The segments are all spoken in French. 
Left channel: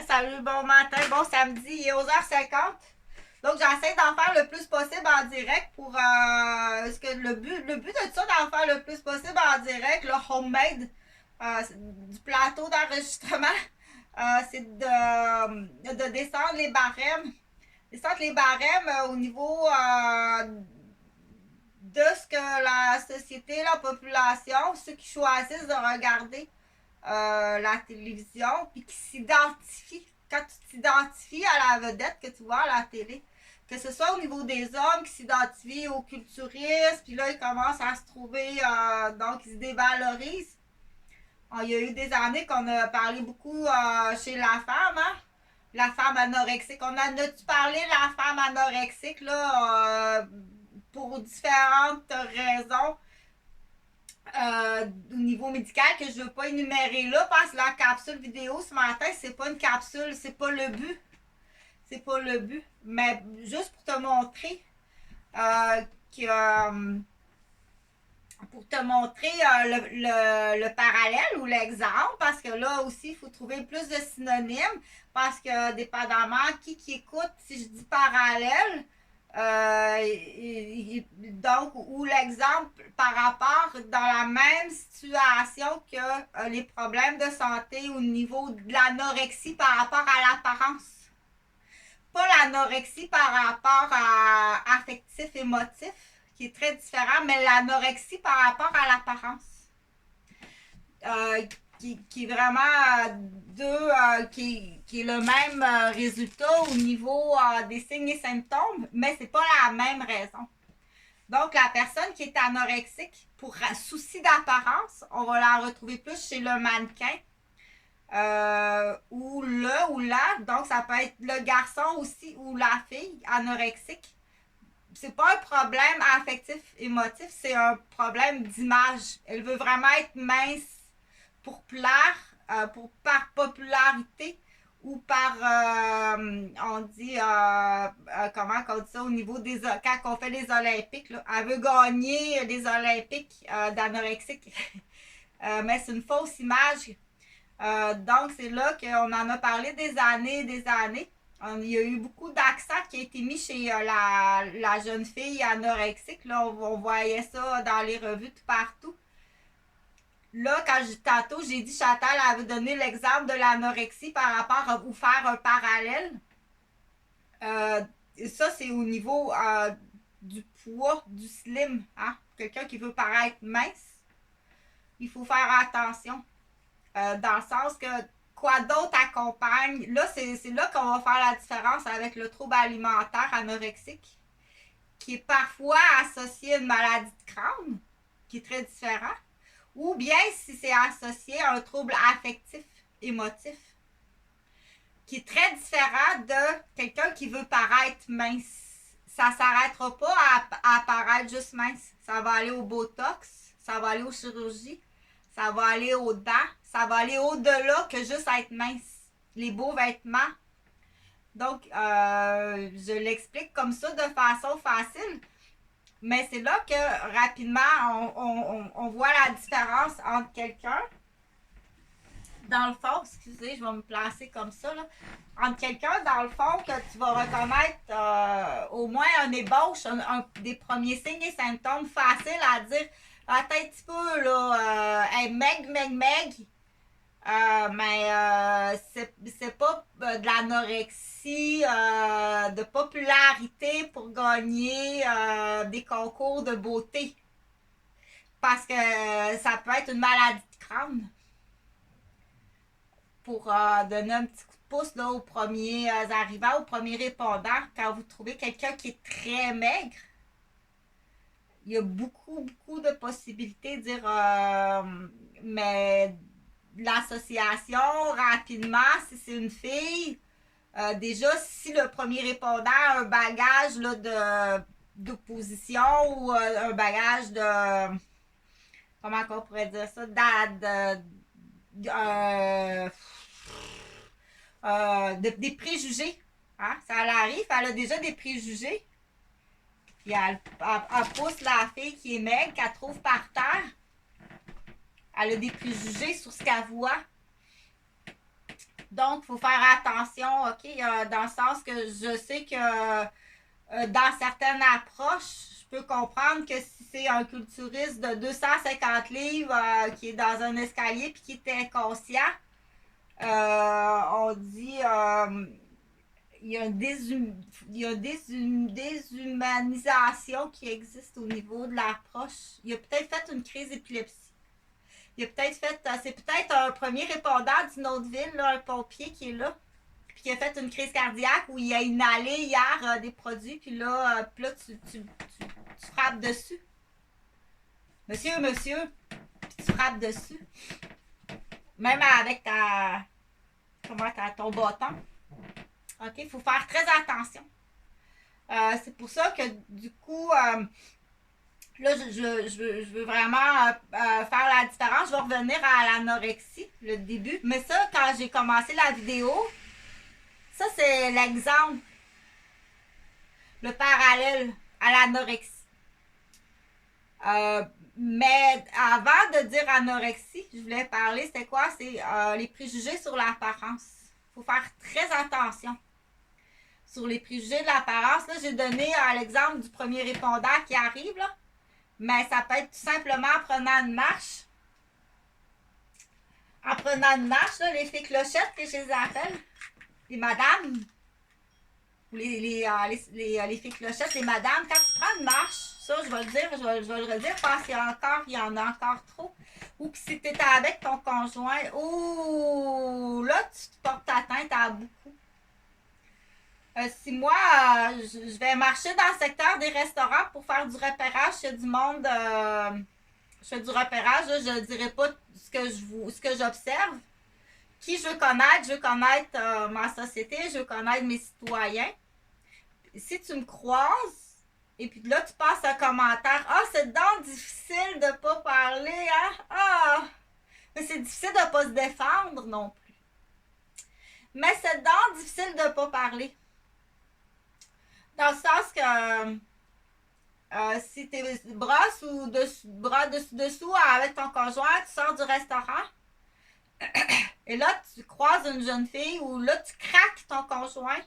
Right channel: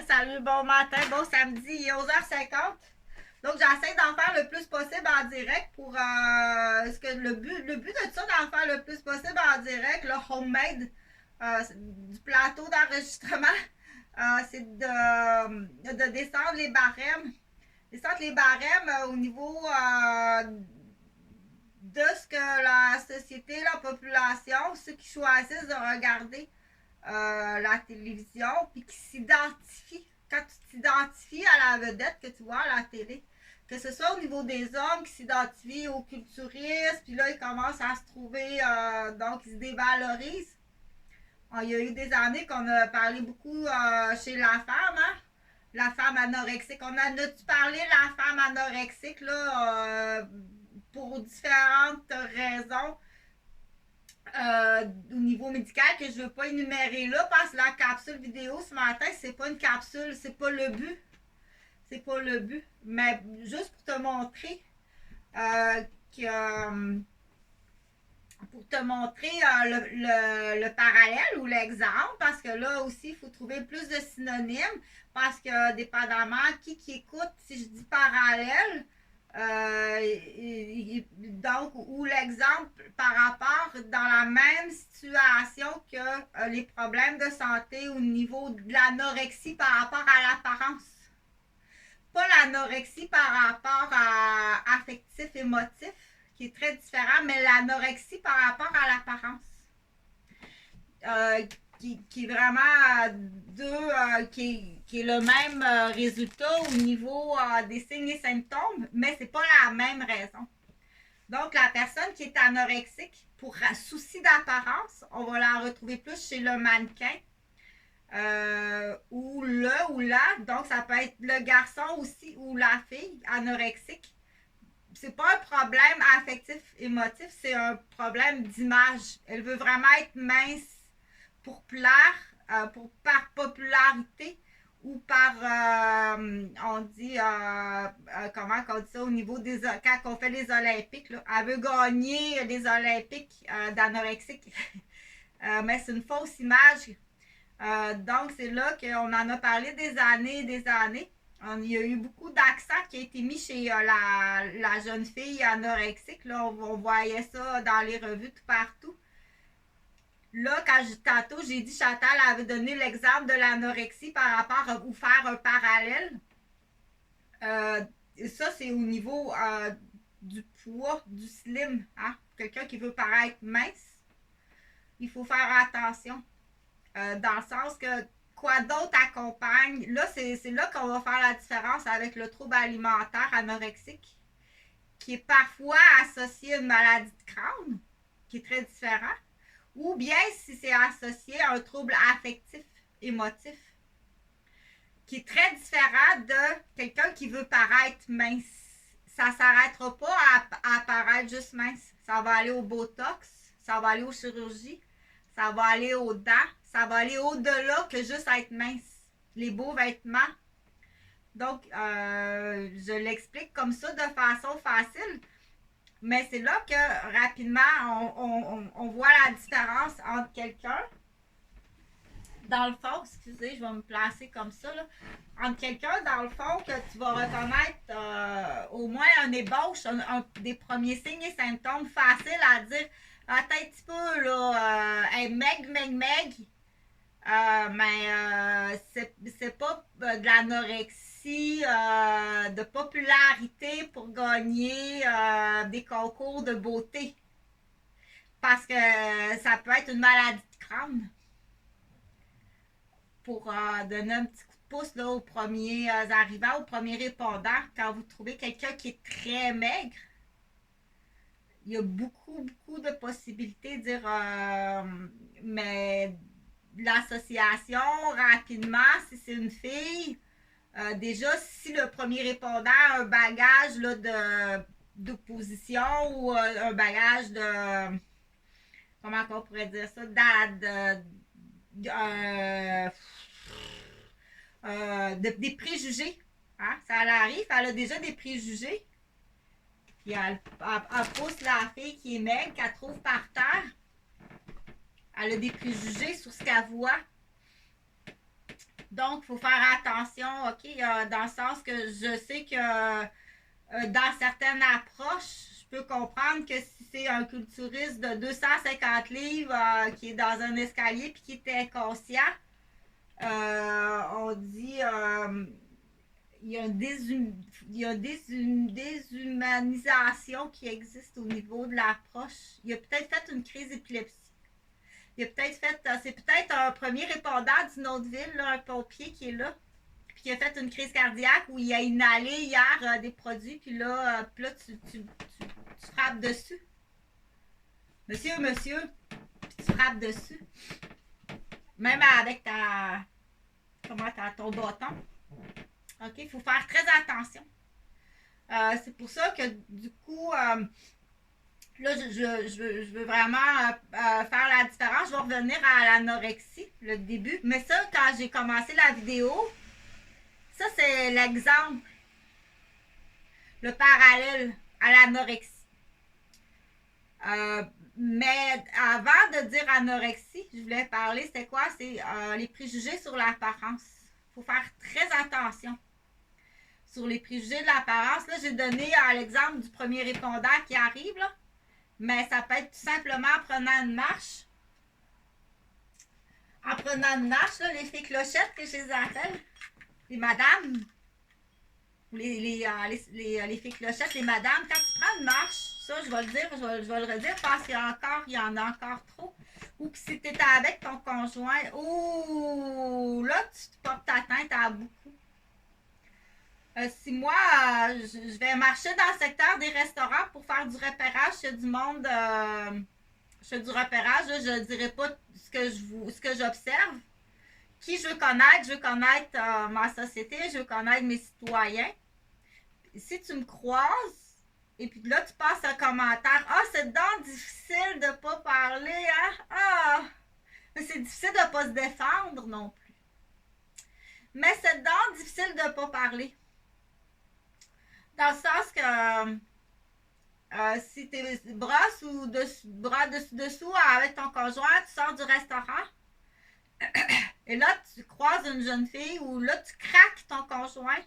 Salut, bon matin, bon samedi, il est 11h50. Donc, j'essaie d'en faire le plus possible en direct pour. Parce que le but de ça, d'en faire le plus possible en direct, le homemade, du plateau d'enregistrement, c'est de descendre les barèmes. Descendre les barèmes au niveau de ce que la société, la population, ceux qui choisissent de regarder la télévision, puis qui s'identifient. Quand tu t'identifies à la vedette que tu vois à la télé, que ce soit au niveau des hommes qui s'identifient aux culturistes, puis là, ils commencent à se trouver, donc ils se dévalorisent. Il y a eu des années qu'on a parlé beaucoup chez la femme, hein? La femme anorexique. On en a-tu parlé, la femme anorexique, là, pour différentes raisons au niveau médical que je ne veux pas énumérer là parce que la capsule vidéo ce matin, c'est pas une capsule, c'est pas le but. C'est pas le but. Mais juste pour te montrer que. Pour te montrer le parallèle ou l'exemple, parce que là aussi, il faut trouver plus de synonymes, parce que dépendamment qui écoute, si je dis parallèle, donc, ou l'exemple par rapport dans la même situation que les problèmes de santé au niveau de l'anorexie par rapport à l'apparence. Pas l'anorexie par rapport à affectif, émotif, qui est très différent, mais l'anorexie par rapport à l'apparence. Qui est vraiment qui est le même résultat au niveau des signes et symptômes, mais c'est pas la même raison. Donc, la personne qui est anorexique, pour souci d'apparence, on va la retrouver plus chez le mannequin ou le ou la. Donc, ça peut être le garçon aussi ou la fille anorexique. C'est pas un problème affectif émotif, c'est un problème d'image. Elle veut vraiment être mince pour plaire, par popularité ou par, on dit, comment on dit ça au niveau des, quand on fait les Olympiques, là, elle veut gagner les Olympiques d'anorexique. Mais c'est une fausse image. Donc, c'est là qu'on en a parlé des années et des années. Il y a eu beaucoup d'accent qui a été mis chez la jeune fille anorexique. Là, on voyait ça dans les revues tout partout. Là, tantôt, j'ai dit Chantal avait donné l'exemple de l'anorexie par rapport à ou faire un parallèle. Euh, Ça, c'est au niveau du poids, du slim. Hein? Quelqu'un qui veut paraître mince, il faut faire attention. Dans le sens que quoi d'autre accompagne. Là, c'est là qu'on va faire la différence avec le trouble alimentaire anorexique, qui est parfois associé à une maladie de Crohn, qui est très différent, ou bien si c'est associé à un trouble affectif, émotif, qui est très différent de quelqu'un qui veut paraître mince. Ça ne s'arrêtera pas à paraître juste mince. Ça va aller au botox, ça va aller aux chirurgies, ça va aller aux dents, ça va aller au-delà que juste être mince. Les beaux vêtements. Donc, je l'explique comme ça de façon facile. Mais c'est là que rapidement, on voit la différence entre quelqu'un, dans le fond, excusez, je vais me placer comme ça, là, entre quelqu'un, dans le fond, que tu vas reconnaître au moins un ébauche, des premiers signes et symptômes faciles à dire. Attends un petit peu, là, hey, meg. Mais c'est pas de l'anorexie, de popularité pour gagner des concours de beauté. Parce que ça peut être une maladie de crâne. Pour donner un petit coup de pouce là, aux premiers arrivants, aux premiers répondants, quand vous trouvez quelqu'un qui est très maigre, il y a beaucoup de possibilités de dire mais l'association rapidement, si c'est une fille, déjà si le premier répondant a un bagage là, d'opposition ou un bagage de comment on pourrait dire ça des préjugés. Hein? Ça arrive, elle a déjà des préjugés. Puis elle pousse la fille qui est maigre, qu'elle trouve par terre. Elle a des préjugés sur ce qu'elle voit. Donc, il faut faire attention, OK, dans le sens que je sais que dans certaines approches, je peux comprendre que si c'est un culturiste de 250 livres qui est dans un escalier puis qui est inconscient, on dit il y a, déshumanisation qui existe au niveau de l'approche. Il a peut-être fait une crise d'épilepsie. Il a peut-être fait, c'est peut-être un premier répondant d'une autre ville, là, un pompier qui est là, puis qui a fait une crise cardiaque où il a inhalé hier des produits, puis là, tu frappes dessus. Monsieur, puis tu frappes dessus. Même avec ton bâton. OK, il faut faire très attention. C'est pour ça que du coup, là, je veux vraiment faire la différence. Je vais revenir à l'anorexie, le début. Mais ça, quand j'ai commencé la vidéo, ça, c'est l'exemple, le parallèle à l'anorexie. Mais avant de dire anorexie, je voulais parler, c'était quoi? C'est les préjugés sur l'apparence. Il faut faire très attention sur les préjugés de l'apparence. Là, j'ai donné l'exemple du premier répondant qui arrive, là. Mais ça peut être tout simplement en prenant une marche. En prenant une marche, là, les filles clochettes que je les appelle, les madames, ou les filles clochettes, les madames, quand tu prends une marche, ça, je vais le dire, je vais le redire parce qu'il y en a encore trop. Ou que si tu es avec ton conjoint, ou là, tu te portes atteinte à beaucoup. Si moi, je vais marcher dans le secteur des restaurants pour faire du repérage, il y a du monde, je fais du repérage, là, je ne dirai pas ce que j'observe. Qui je veux connaître ma société, je veux connaître mes citoyens. Si tu me croises, et puis là, tu passes un commentaire, « Ah, c'est donc difficile de ne pas parler, hein? Ah! Mais c'est difficile de ne pas se défendre non plus. Mais c'est donc difficile de ne pas parler. » Dans le sens que si tu brosses ou bras dessous avec ton conjoint, tu sors du restaurant et là tu croises une jeune fille ou là tu craques ton conjoint,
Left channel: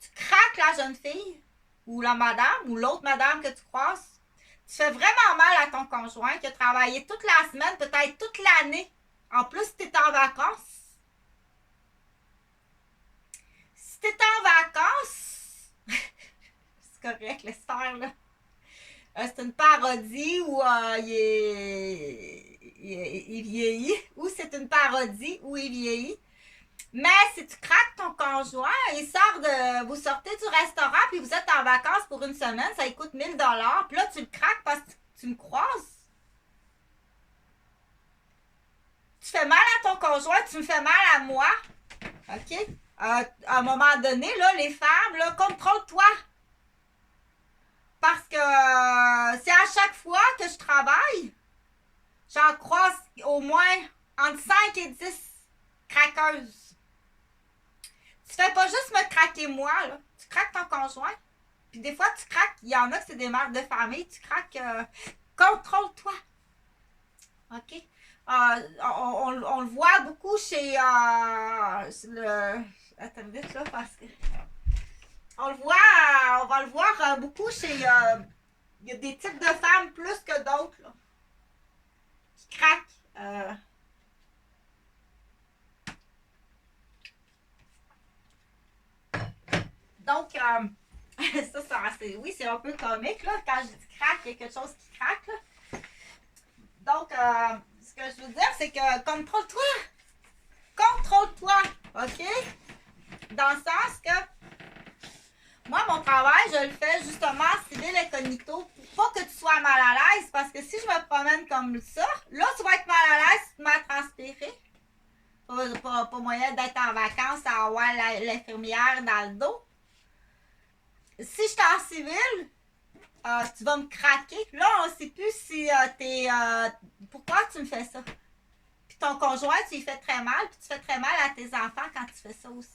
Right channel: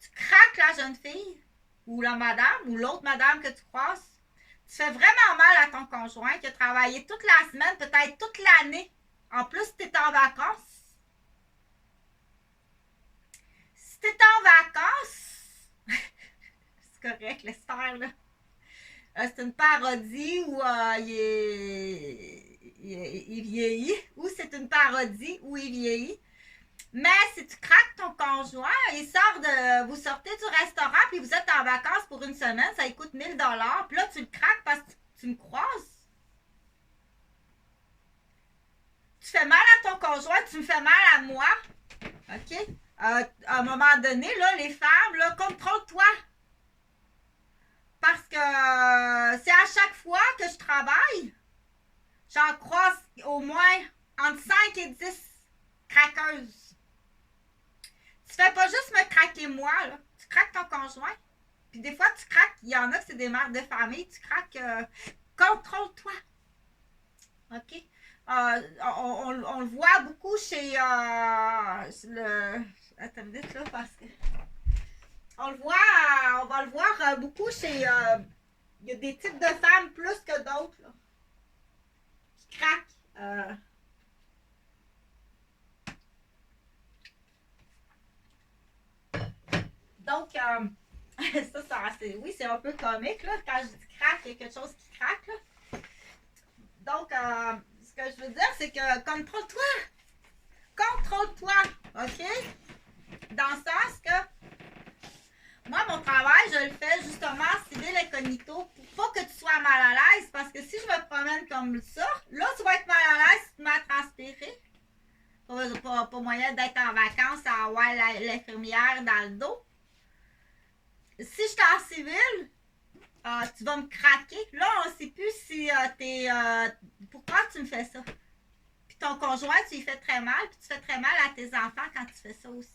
tu craques la jeune fille ou la madame ou l'autre madame que tu croises, tu fais vraiment mal à ton conjoint qui a travaillé toute la semaine, peut-être toute l'année. En plus, tu es en vacances. Si tu es en vacances, c'est correct, laisse faire, là. C'est une parodie où il vieillit, ou c'est une parodie où il vieillit. Mais si tu craques ton conjoint, vous sortez du restaurant puis vous êtes en vacances pour une semaine, ça coûte 1000 $. Puis là, tu le craques parce que tu me croises. Tu fais mal à ton conjoint, tu me fais mal à moi. OK? À un moment donné, là, les femmes, là, contrôle-toi. Parce que c'est à chaque fois que je travaille, j'en croise au moins entre 5 et 10 craqueuses. Tu fais pas juste me craquer moi, là. Tu craques ton conjoint. Puis des fois, tu craques, il y en a que c'est des mères de famille, tu craques, contrôle-toi. OK? On le voit beaucoup chez le... Attends une minute, là, parce que... on va le voir beaucoup chez... il y a des types de femmes plus que d'autres, là, qui craquent. Donc, oui, c'est un peu comique, là, quand je dis craque, il y a quelque chose qui craque, là. Donc, ce que je veux dire, c'est que contrôle-toi. Contrôle-toi, OK? Dans le sens que moi, mon travail, je le fais justement civil incognito pour pas que tu sois mal à l'aise. Parce que si je me promène comme ça, là, tu vas être mal à l'aise si tu m'as transpiré. Pas moyen d'être en vacances à avoir l'infirmière dans le dos. Si je suis en civil, tu vas me craquer. Là, on ne sait plus si t'es... pourquoi tu me fais ça? Puis ton conjoint, tu lui fais très mal, puis tu fais très mal à tes enfants quand tu fais ça aussi.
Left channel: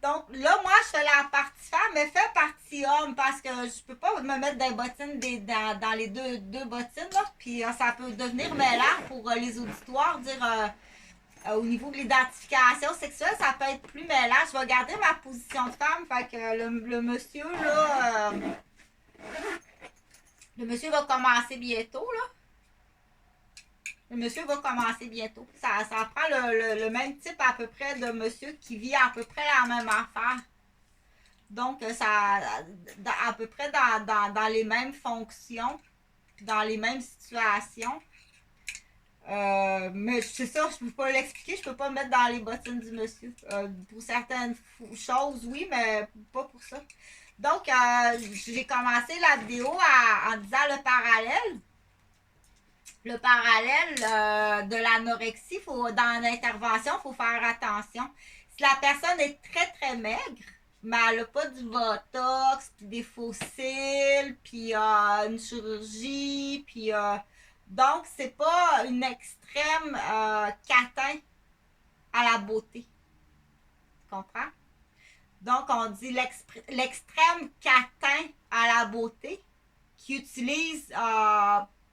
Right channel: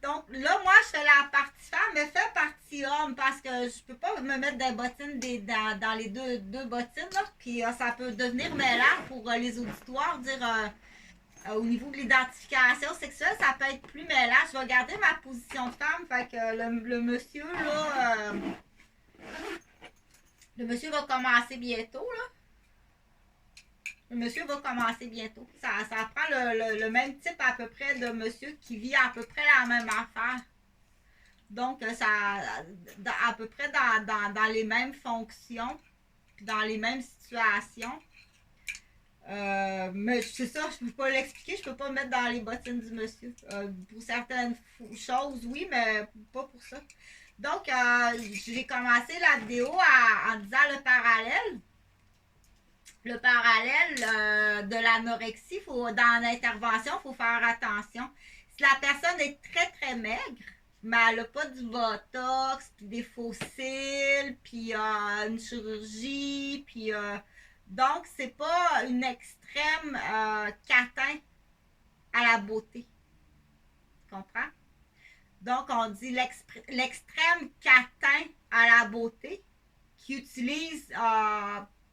Donc là, moi, je fais la partie femme, mais fais partie homme parce que je peux pas me mettre des bottines dans les deux bottines, là. Puis ça peut devenir mêlant pour les auditoires, dire Au niveau de l'identification sexuelle, ça peut être plus mêlant. Je vais garder ma position de femme. Fait que le monsieur, là, le monsieur va commencer bientôt, là. Le monsieur va commencer bientôt. Ça prend le même type à peu près de monsieur qui vit à peu près la même affaire. Donc, à peu près dans les mêmes fonctions, puis dans les mêmes situations. Mais c'est ça, je peux pas l'expliquer, je peux pas me mettre dans les bottines du monsieur. Pour certaines choses, oui, mais pas pour ça. Donc, j'ai commencé la vidéo en disant le parallèle. Le parallèle de l'anorexie, dans l'intervention, il faut faire attention. Si la personne est très, très maigre, mais elle n'a pas du botox, puis des fossiles, puis une chirurgie, puis donc c'est pas une extrême catin à la beauté. Tu comprends? Donc on dit l'extrême catin à la beauté qui utilise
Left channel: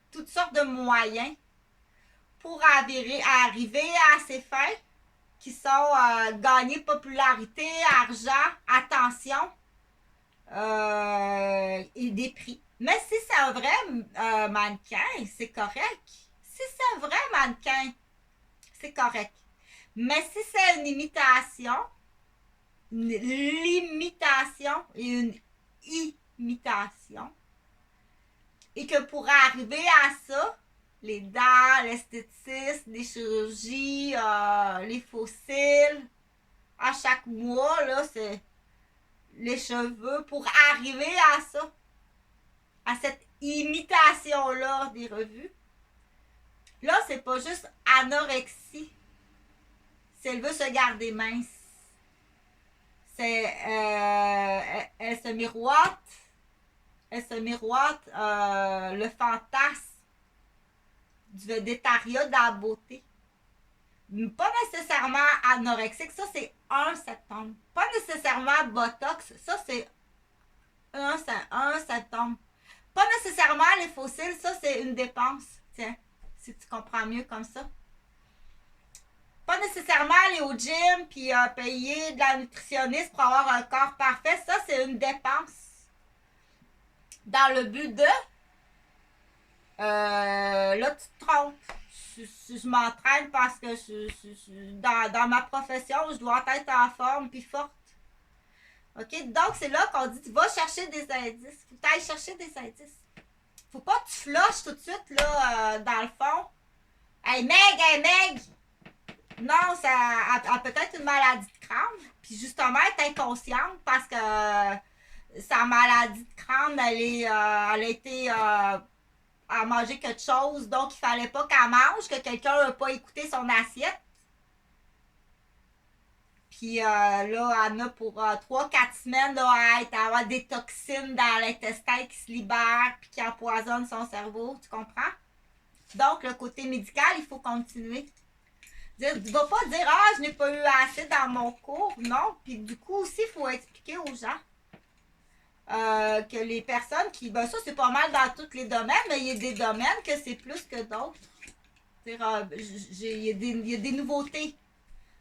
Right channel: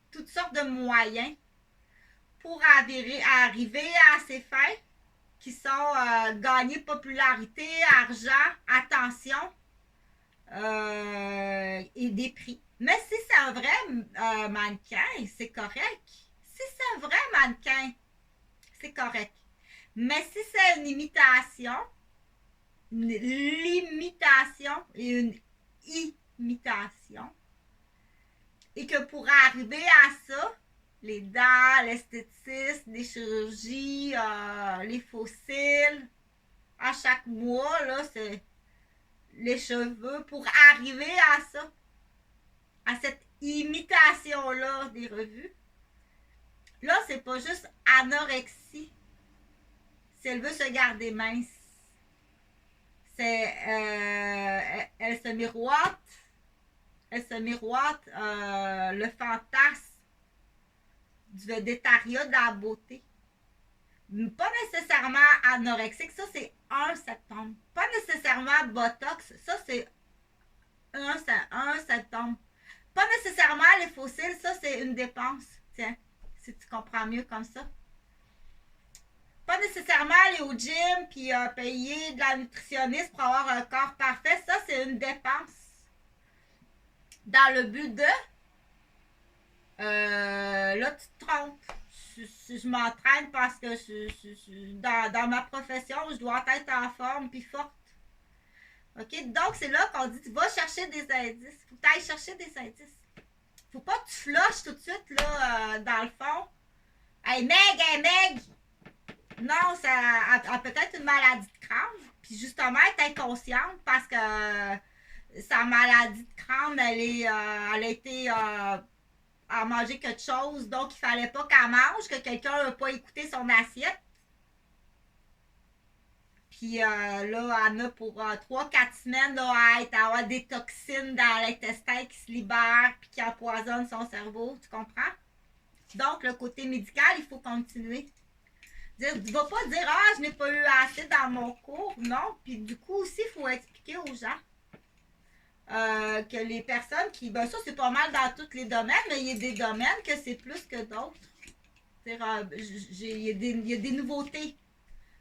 toutes sortes de moyens pour arriver à ses fins qui sont gagner popularité, argent, attention et des prix. Mais si c'est un vrai mannequin, c'est correct. Si c'est un vrai mannequin, c'est correct. Mais si c'est une imitation, une limitation et une imitation, et que pour arriver à ça, les dents, l'esthétisme, les chirurgies, les fossiles, à chaque mois, là, c'est les cheveux, pour arriver à ça, à cette imitation-là des revues. Là, c'est pas juste anorexie. Si elle veut se garder mince. C'est elle se miroite. Elle se miroite le fantasme du végétariat de la beauté. Pas nécessairement anorexique, ça c'est 1 septembre. Pas nécessairement botox, ça c'est 1 septembre. Pas nécessairement les fossiles, ça c'est une dépense. Tiens, si tu comprends mieux comme ça. Pas nécessairement aller au gym puis payer de la nutritionniste pour avoir un corps parfait, ça c'est une dépense. Dans le but de là tu te trompes. Je m'entraîne parce que dans ma profession, je dois être en forme puis forte. OK? Donc, c'est là qu'on dit, tu vas chercher des indices. Faut que tu ailles chercher des indices. Faut pas que tu flushes tout de suite, là, dans le fond. Hey, Meg! Non, ça a peut-être une maladie de crâne. Puis justement, elle est inconsciente parce que sa maladie de crâne, elle a été... à manger quelque chose, donc il fallait pas qu'elle mange, que quelqu'un n'a pas écouté son assiette. Puis là, elle a pour 3-4 semaines là, à avoir des toxines dans l'intestin qui se libèrent puis qui empoisonnent son cerveau, tu comprends? Donc, le côté médical, il faut continuer. Tu ne vas pas dire, ah, je n'ai pas eu assez dans mon cours. Non. Puis du coup aussi, il faut expliquer aux gens que les personnes qui... Ben ça, c'est pas mal dans tous les domaines, mais il y a des domaines que c'est plus que d'autres. Il y a des nouveautés,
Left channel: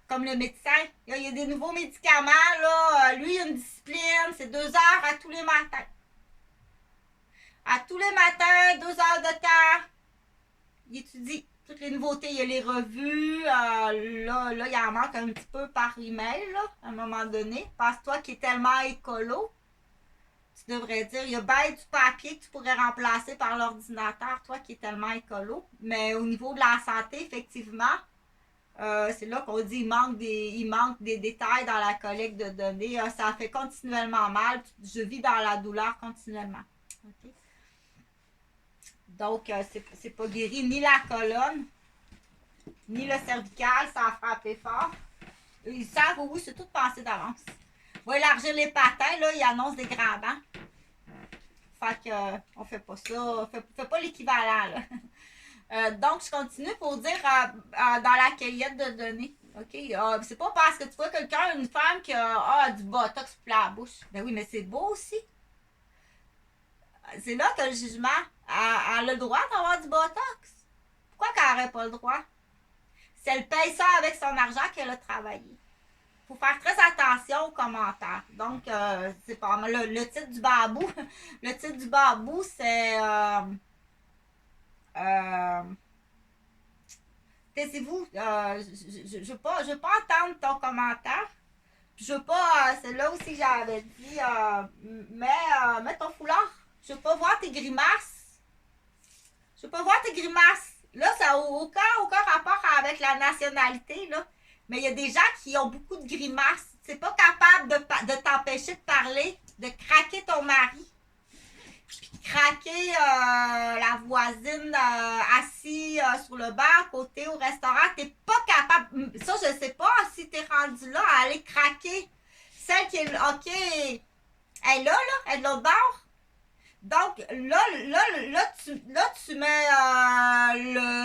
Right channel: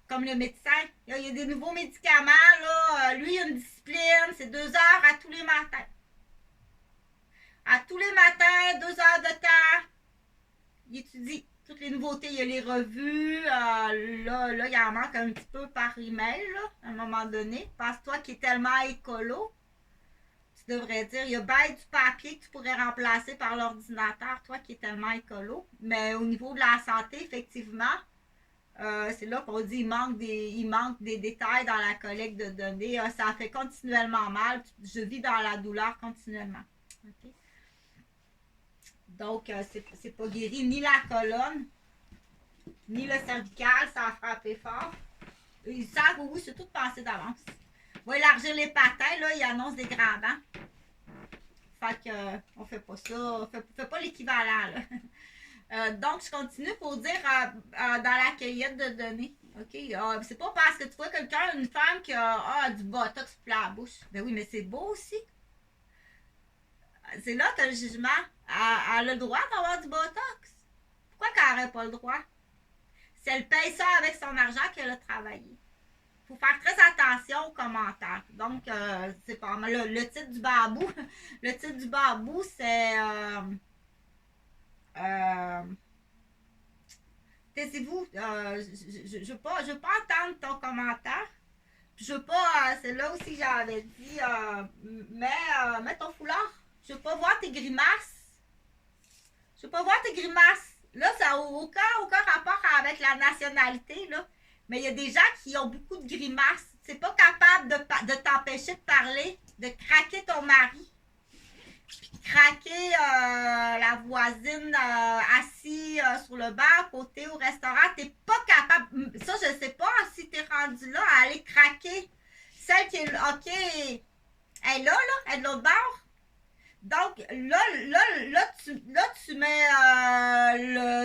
comme le médecin. Il y a des nouveaux médicaments, là. Lui, il a une discipline, c'est 2 heures à tous les matins. À tous les matins, 2 heures de temps. Il étudie toutes les nouveautés. Il y a les revues. Là, il en manque un petit peu par email, là, à un moment donné. Parce que toi qui es tellement écolo, tu devrais dire, il y a bien du papier que tu pourrais remplacer par l'ordinateur, toi qui es tellement écolo. Mais au niveau de la santé, effectivement, c'est là qu'on dit il manque des détails dans la collecte de données. Ça fait continuellement mal. Je vis dans la douleur continuellement. Okay? Donc, c'est pas guéri ni la colonne, ni le cervical, ça a frappé fort. Ils savent, oui, c'est tout pensé d'avance. On va élargir les patins, là, ils annoncent des grands dents. Fait que, on fait pas ça, on fait pas l'équivalent, là. Donc, je continue pour dire dans la cueillette de données. OK? C'est pas parce que tu vois quelqu'un, une femme qui a du botox pour la bouche. Ben oui, mais c'est beau aussi. C'est là que le jugement. Elle a le droit d'avoir du botox. Pourquoi qu'elle n'aurait pas le droit? Si elle paye ça avec son argent qu'elle a travaillé. Il faut faire très attention aux commentaires. Donc, c'est pas mal. Le titre du babou, le titre du babou, c'est taisez-vous. Je veux pas entendre ton commentaire. Je veux pas, c'est là aussi que j'avais dit, mets ton foulard. Je veux pas voir tes grimaces. Je veux pas voir tes grimaces. Là, ça n'a aucun rapport avec la nationalité, là. Mais il y a des gens qui ont beaucoup de grimaces. C'est pas capable de t'empêcher de parler, de craquer ton mari, puis craquer la voisine assise sur le bar, à côté au restaurant. T'es pas capable. Ça, je sais pas si t'es rendu là à aller craquer celle qui est. OK. Elle est là, elle est de l'autre bord. Donc, là, tu mets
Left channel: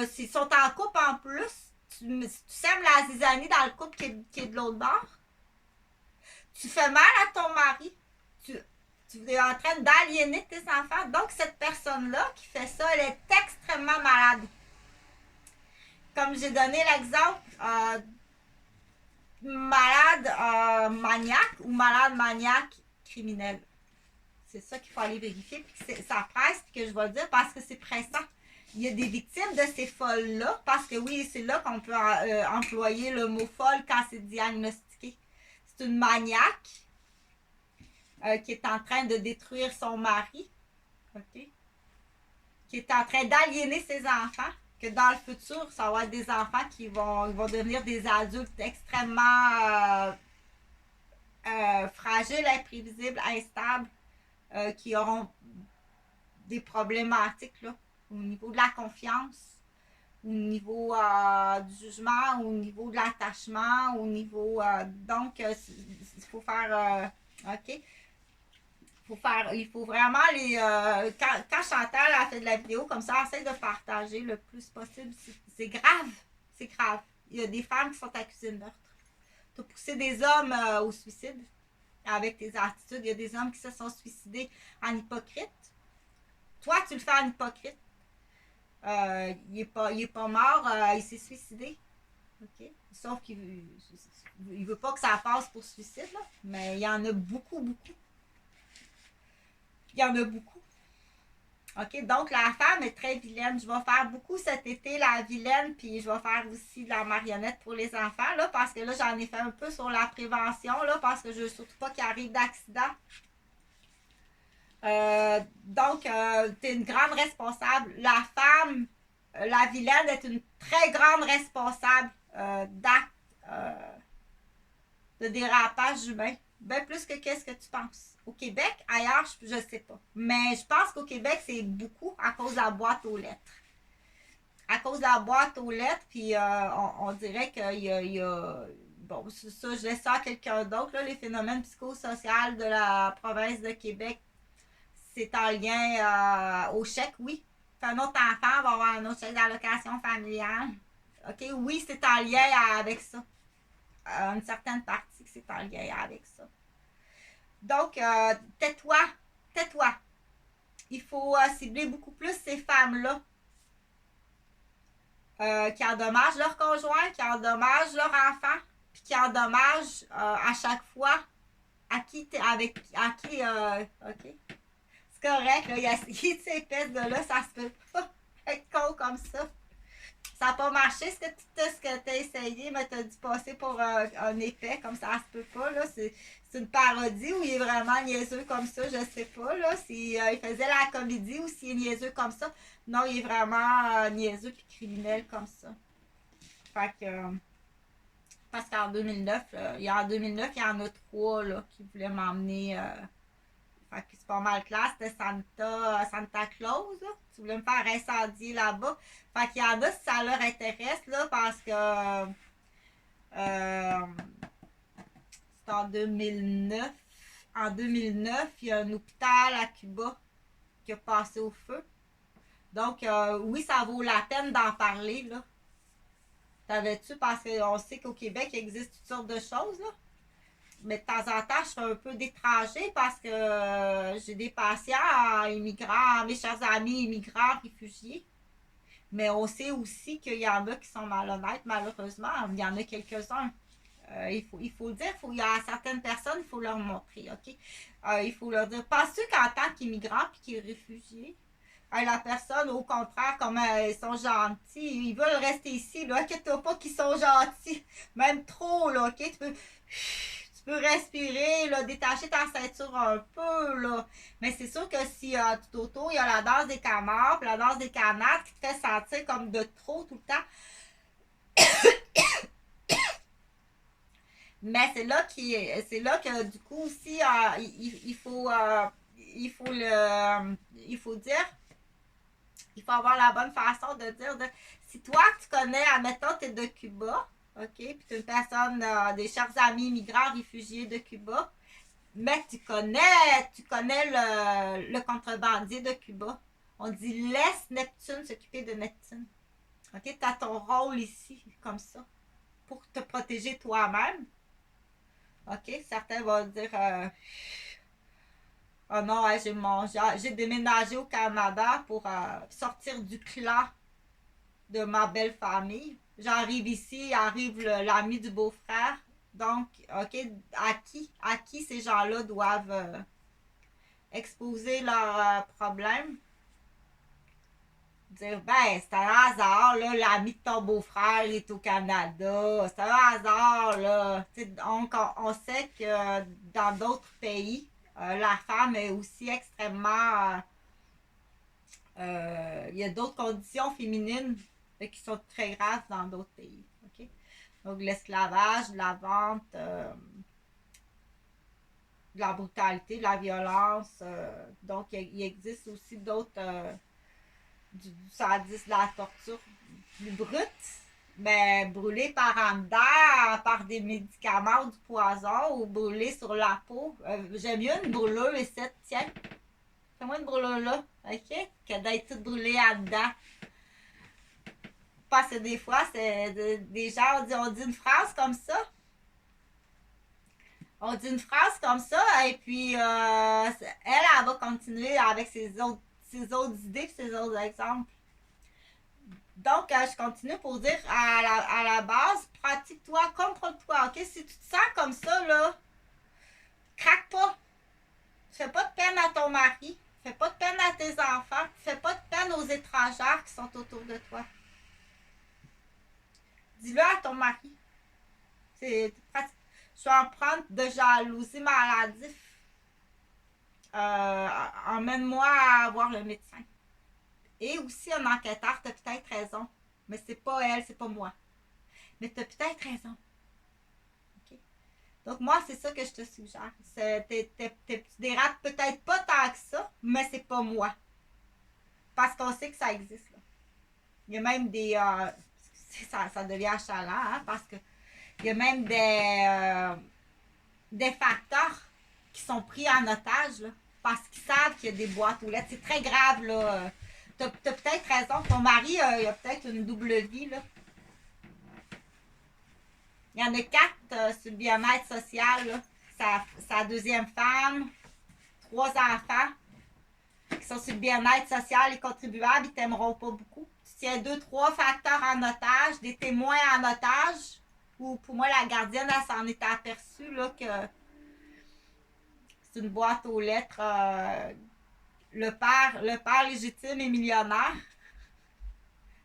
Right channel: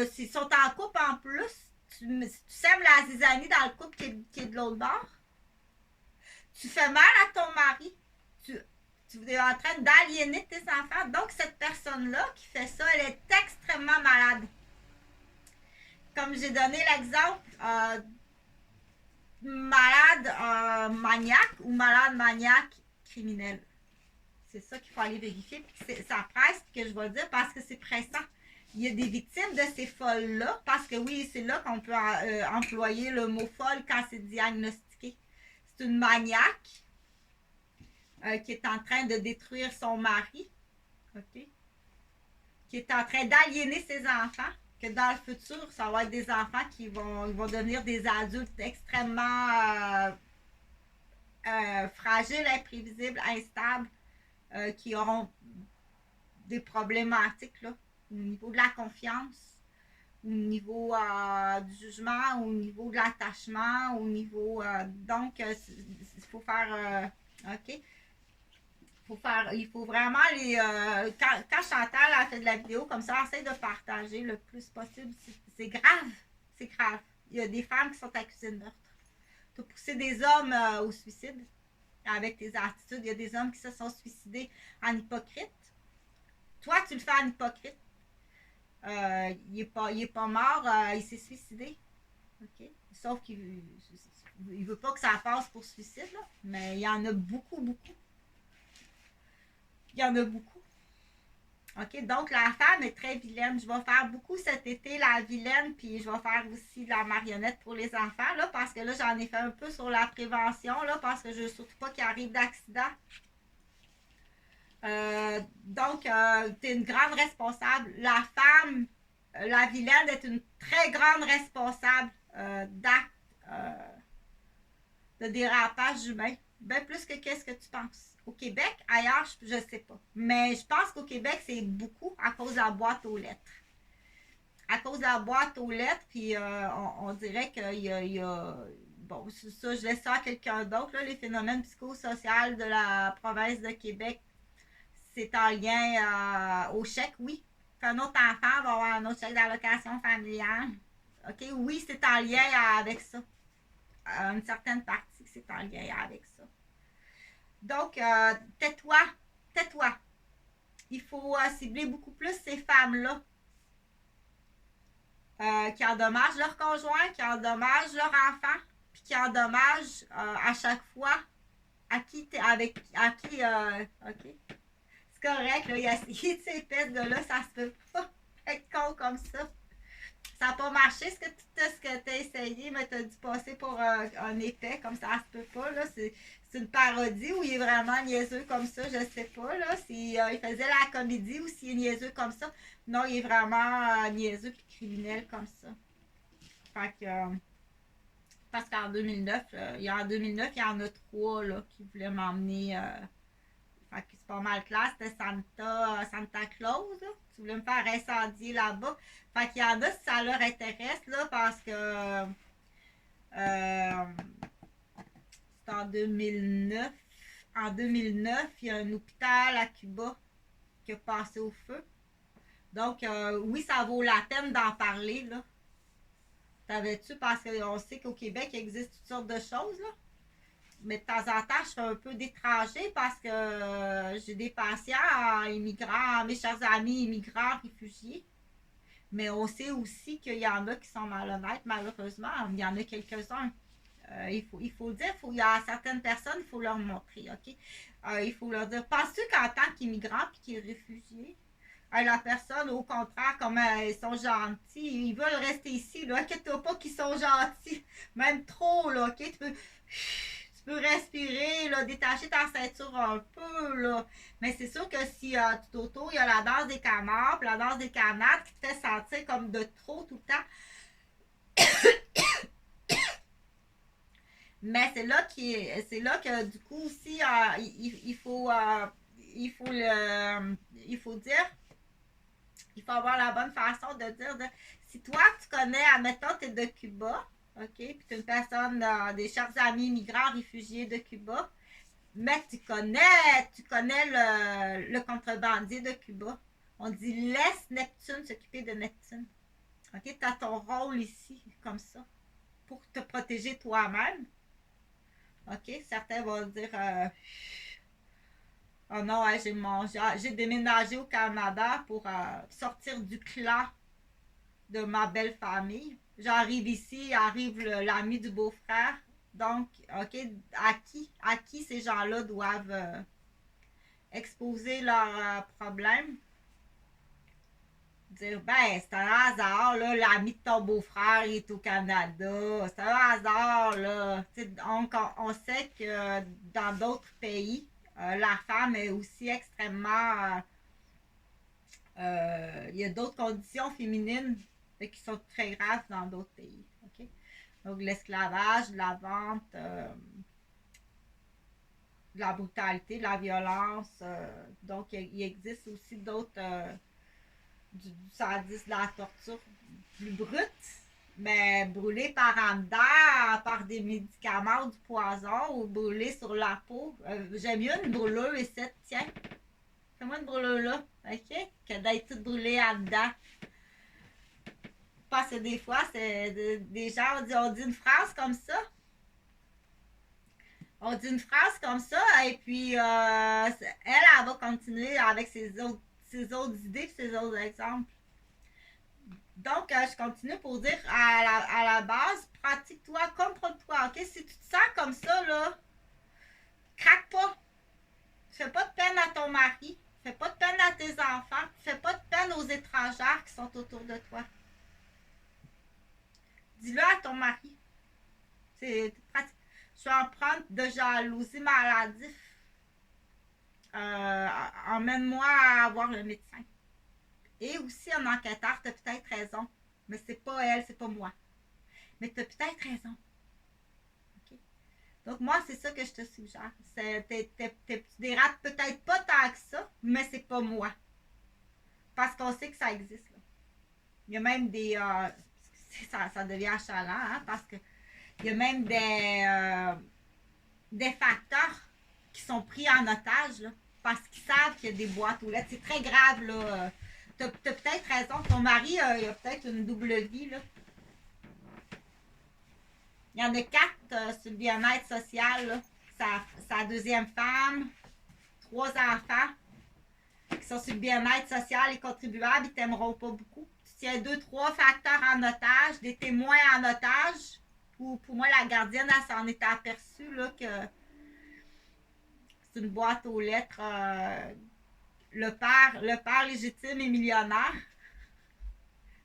s'ils sont en couple en plus, tu sèmes la zizanie dans le couple qui est de l'autre bord. Tu fais mal à ton mari. Tu es en train d'aliéner tes enfants. Donc, cette personne-là qui fait ça, elle est extrêmement malade. Comme j'ai donné l'exemple, malade maniaque ou malade maniaque criminel. C'est ça qu'il faut aller vérifier. Ça presse que je vais dire parce que c'est pressant. Il y a des victimes de ces folles-là, parce que oui, c'est là qu'on peut employer le mot folle quand c'est diagnostiqué. C'est une maniaque qui est en train de détruire son mari, OK? Qui est en train d'aliéner ses enfants, que dans le futur, ça va être des enfants qui vont devenir des adultes extrêmement fragiles, imprévisibles, instables, qui auront des problématiques là, au niveau de la confiance, au niveau du jugement, au niveau de l'attachement, au niveau... donc, il faut faire... OK? Il faut vraiment les... quand Chantal a fait de la vidéo comme ça, essaye de partager le plus possible. C'est grave. C'est grave. Il y a des femmes qui sont accusées de meurtre. Tu as poussé des hommes au suicide avec tes attitudes. Il y a des hommes qui se sont suicidés en hypocrite. Toi, tu le fais en hypocrite. Il est pas mort, il s'est suicidé. OK? Sauf qu'il ne veut pas que ça passe pour suicide, là. Mais il y en a beaucoup. Il y en a beaucoup. OK? Donc, la femme est très vilaine. Je vais faire beaucoup cet été la vilaine, puis je vais faire aussi de la marionnette pour les enfants, là, parce que là, j'en ai fait un peu sur la prévention, là, parce que je ne veux surtout pas qu'il arrive d'accident. Donc, tu es une grande responsable. La femme, la vilaine, est une très grande responsable d'actes de dérapage humain. Bien plus que qu'est-ce que tu penses. Au Québec, ailleurs, je ne sais pas. Mais je pense qu'au Québec, c'est beaucoup à cause de la boîte aux lettres. À cause de la boîte aux lettres, puis on dirait qu'il y a bon, ça, je laisse ça à quelqu'un d'autre. Les phénomènes psychosociaux de la province de Québec, c'est en lien au chèque, oui. Un autre enfant va avoir un autre chèque d'allocation familiale. OK, oui, c'est en lien avec ça. Une certaine partie, c'est en lien avec ça. Donc, tais-toi. Il faut cibler beaucoup plus ces femmes-là qui endommagent leur conjoint, qui endommagent leur enfant, puis qui endommagent à chaque fois à qui OK? C'est correct, là, il a essayé de ces pistes-là, ça se peut pas être con comme ça. Ça n'a pas marché ce que tu as essayé, mais tu as dû passer pour un épais, comme ça se peut pas. Là. C'est une parodie ou il est vraiment niaiseux comme ça, je sais pas. Là. Si il faisait la comédie ou s'il est niaiseux comme ça. Non, il est vraiment niaiseux et criminel comme ça. Fait que, parce qu'en 2009, il y en a 3 là, qui voulaient m'emmener. Fait que c'est pas mal classe, c'était Santa Claus. Là. Tu voulais me faire incendier là-bas. Fait qu'il y en a si ça leur intéresse, là, parce que c'est en 2009. En 2009, il y a un hôpital à Cuba qui a passé au feu. Donc, oui, ça vaut la peine d'en parler, là. Savais-tu? Parce qu'on sait qu'au Québec, il existe toutes sortes de choses, là. Mais de temps en temps, je fais un peu d'étranger parce que j'ai des patients immigrants, mes chers amis immigrants, réfugiés. Mais on sait aussi qu'il y en a qui sont malhonnêtes, malheureusement. Il y en a quelques-uns. Il faut le dire, il y a certaines personnes, il faut leur montrer, OK? Il faut leur dire, penses-tu qu'en tant qu'immigrant et qu'est réfugié, la personne, au contraire, comme ils sont gentils, ils veulent rester ici, là, inquiète-toi pas qu'ils sont gentils, même trop, là, OK? Tu peux respirer, là, détacher ta ceinture un peu, là. Mais c'est sûr que si tout autour, il y a la danse des canards, puis la danse des canards qui te fait sentir comme de trop tout le temps. Mais c'est là que du coup aussi il faut dire, il faut avoir la bonne façon de dire si toi tu connais, admettons, tu es de Cuba, OK, puis tu es une personne, des chers amis immigrants réfugiés de Cuba, mais tu connais le contrebandier de Cuba. On dit laisse Neptune s'occuper de Neptune. OK, tu as ton rôle ici, comme ça, pour te protéger toi-même. OK? Certains vont dire oh non, ouais, j'ai déménagé au Canada pour sortir du clan de ma belle famille. J'arrive ici, arrive l'ami du beau-frère. Donc, OK, à qui ces gens-là doivent exposer leurs problèmes? Dire, ben, c'est un hasard, là, l'ami de ton beau-frère est au Canada. C'est un hasard, là. Donc, on sait que dans d'autres pays, la femme est aussi extrêmement. Il y a d'autres conditions féminines qui sont très graves dans d'autres pays. Okay? Donc, l'esclavage, la vente, de la brutalité, de la violence. Donc, il existe aussi d'autres. Du sadisme, de la torture plus brute, mais brûlé par en dedans, par des médicaments ou du poison, ou brûlé sur la peau. J'aime mieux une brûlure ici, tiens. Fais-moi une brûlure là, OK? Que d'être toute brûlée en dedans. Parce que des fois, c'est des gens, on dit une phrase comme ça. On dit une phrase comme ça, et puis elle va continuer avec ses autres idées et ses autres exemples. Donc, je continue pour dire à la base, pratique-toi, contrôle-toi, OK? Si tu te sens comme ça, là, craque pas. Fais pas de peine à ton mari. Fais pas de peine à tes enfants. Fais pas de peine aux étrangères qui sont autour de toi. Dis-le à ton mari. C'est pratique. Je vais en prendre de jalousie maladif. Emmène-moi à voir le médecin. Et aussi un enquêteur, t'as peut-être raison. Mais c'est pas elle, c'est pas moi. Mais t'as peut-être raison. OK? Donc moi, c'est ça que je te suggère. Tu dérapes peut-être pas tant que ça, mais c'est pas moi. Parce qu'on sait que ça existe. Là. Il y a même des... ça devient achalant, hein, parce que il y a même des facteurs qui sont pris en otage, là, parce qu'ils savent qu'il y a des boîtes aux lettres. C'est très grave, là. T'as peut-être raison. Ton mari, il a peut-être une double vie, là. Il y en a 4 sur le bien-être social, là. Sa deuxième femme, 3 enfants qui sont sur le bien-être social et contribuables, ils t'aimeront pas beaucoup. Tu tiens 2-3 facteurs en otage, des témoins en otage. Pour moi, la gardienne, elle s'en est aperçue là, que c'est une boîte aux lettres. Le père légitime est millionnaire.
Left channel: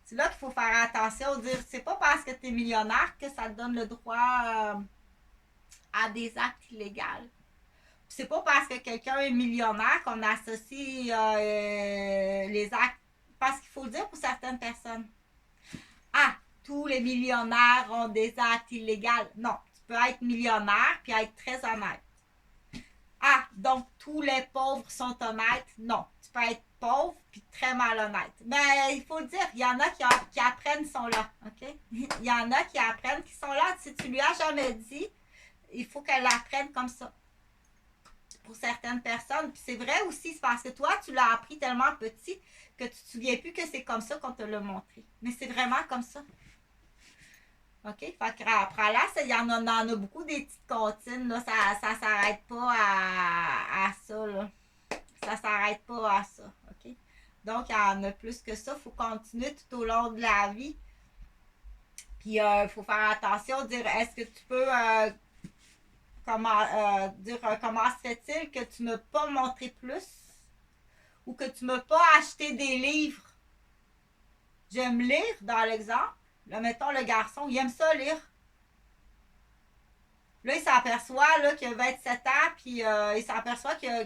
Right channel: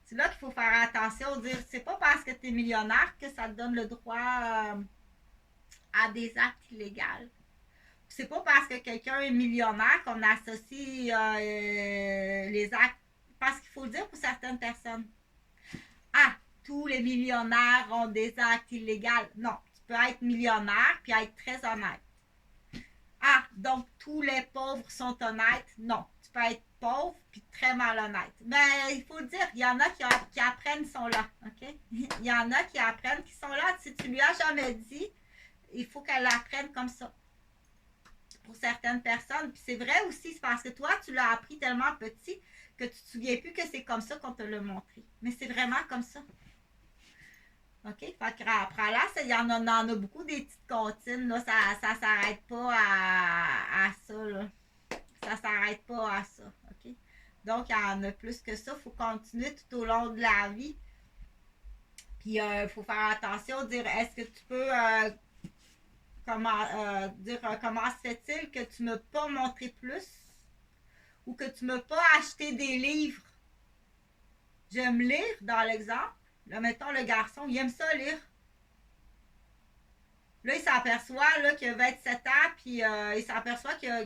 C'est là qu'il faut faire attention, dire c'est pas parce que tu es millionnaire que ça te donne le droit à des actes illégaux. C'est pas parce que quelqu'un est millionnaire qu'on associe les actes. Parce qu'il faut le dire pour certaines personnes. Ah, tous les millionnaires ont des actes illégaux. Non, tu peux être millionnaire puis être très honnête. Ah, donc tous les pauvres sont honnêtes. Non, tu peux être pauvre puis très malhonnête. Mais il faut le dire, il y en a qui apprennent qui sont là. OK? Il y en a qui apprennent qui sont là. Si tu lui as jamais dit, il faut qu'elle apprenne comme ça. Pour certaines personnes. Puis c'est vrai aussi, c'est parce que toi, tu l'as appris tellement petit que tu te souviens plus que c'est comme ça qu'on te l'a montré. Mais c'est vraiment comme ça. OK? Fait qu'après là, il y en a beaucoup des petites comptines. Là, ça s'arrête pas à ça. Là. Ça s'arrête pas à ça. OK? Donc, il y en a plus que ça. Il faut continuer tout au long de la vie. Puis, il faut faire attention, dire est-ce que tu peux comment se fait-il que tu ne m'as pas montré plus ou que tu ne m'as pas acheté des livres. J'aime lire, dans l'exemple. Là, mettons, le garçon, il aime ça lire. Là, il s'aperçoit là, qu'il a 27 ans, puis il s'aperçoit qu'il a